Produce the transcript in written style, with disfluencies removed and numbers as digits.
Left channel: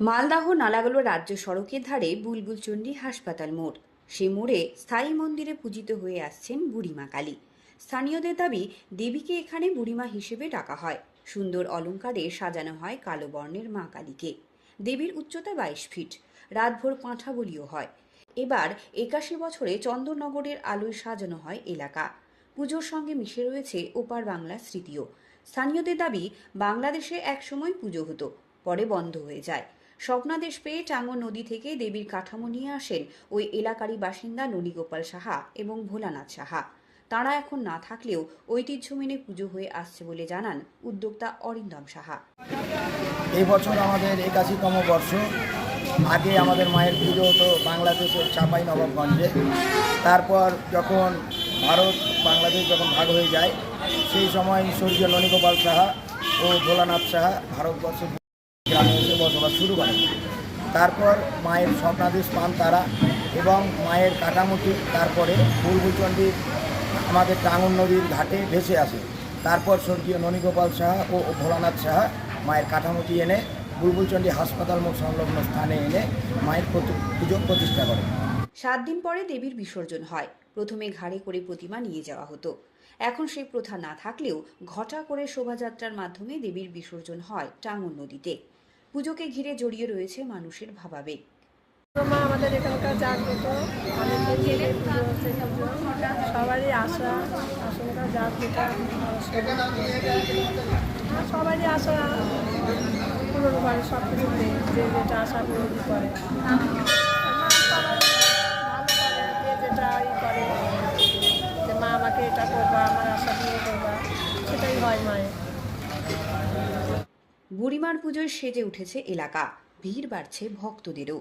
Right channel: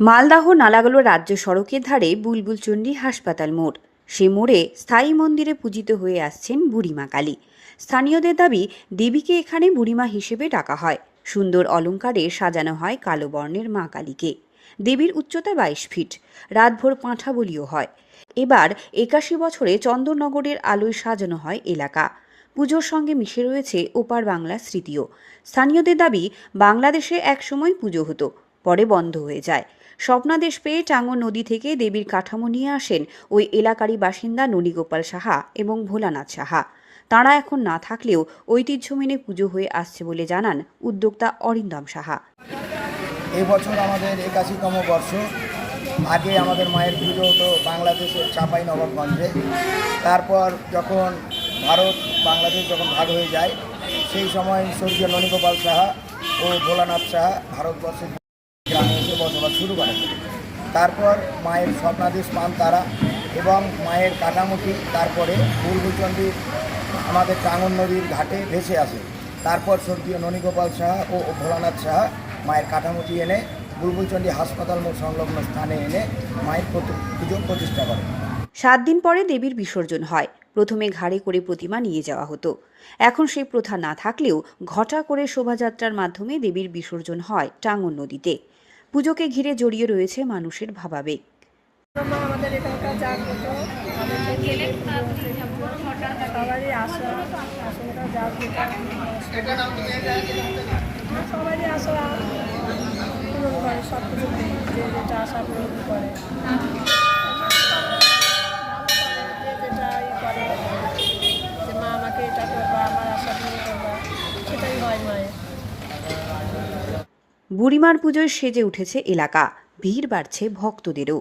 মালদাহ নালাগোলা রাজ্য সড়কের ধারে বুলবুলচণ্ডী হাসপাতাল মোড়। সে মোড়ে স্থায়ী মন্দিরে পূজিত হয়ে আসছেন বুড়িমা কালী। স্থানীয়দের দাবি, দেবীকে এখানে বুড়িমা হিসেবে ডাকা হয়। সুন্দর অলঙ্কারে সাজানো হয় কালো বর্ণের মা কালীকে। দেবীর উচ্চতা 22 ফিট। রাতভর পাঁঠা বলিও হয়। এবার 81 বছরে চন্দননগরের আলোয় সাজানো হয় এলাকা। পুজোর সঙ্গে মিশে রয়েছে ওপার বাংলার স্মৃতিও। স্থানীয়দের দাবি, বাংলাদেশে একসময় পুজো হতো, পরে বন্ধ হয়ে যায়। স্বপ্নাদেশ পেয়ে টাঙ্গন নদী থেকে দেবীর কাঠামো নিয়ে আসেন ওই এলাকারই বাসিন্দা ননীগোপাল সাহা এবং ভোলানাথ সাহা। তাঁরা এখন না থাকলেও ঐতিহ্য মেনে পুজো হয়ে আসছে বলে জানান উদ্যোক্তা অরিন্দম সাহা। এবছর আমাদের 81তম বর্ষ। আগে আমাদের মায়ের পুজো হতো বাংলাদেশের চাঁপাইনবাবগঞ্জে। তারপর যখন বাংলাদেশ যখন ভাগ হয়ে যায়, সেই সময় স্বর্গীয় ননীগোপাল সাহা ও ভোলানাথ সাহা ভারতবর্ষের গ্রামে এসে বসবাস শুরু করেন। তারপর মায়ের স্বপ্নাদেশ পান তারা এবং মায়ের কাঠামোটি তারপরে বুলবুলচণ্ডীর আমাদের টাঙ্গন নদীর ঘাটে ভেসে আসে। তারপর স্বর্গীয় ননীগোপাল সাহা ও ভোলানাথ সাহা মায়ের কাঠামোটি এনে বুলবুলচণ্ডী হাসপাতাল মোড় সংলগ্ন স্থানে এনে মায়ের পুজো প্রতিষ্ঠা করে। 7 দিন পরে দেবীর বিসর্জন হয়। প্রথমে ঘাড়ে করে প্রতিমা নিয়ে যাওয়া হতো। এখন সেই প্রথা না থাকলেও ঘটা করে শোভাযাত্রার মাধ্যমে দেবীর বিসর্জন হয় টাঙ্গন নদীতে। পুজোকে ঘিরে জড়িয়ে রয়েছে মানুষের ভাবাবেগ। মা আমাদের এখানকার জাগ্রত, অনেকদিন থেকে পুজো হচ্ছে, পুজো সবারই আশা আশঙ্কা যার যেটা সবারই আশা পূরণ করে, সব কিছুতে যে যেটা আশা পূরণ করে। মা সবাই ভালো করে, যে যেটা করে যে মা আমাকে এটা করবা, আমার আশা পূরণ করবা, সেটাই হয় মায়ের। বুড়িমার পুজোয় সেজে উঠেছে এলাকা। ভিড় বাড়ছে ভক্তদেরও।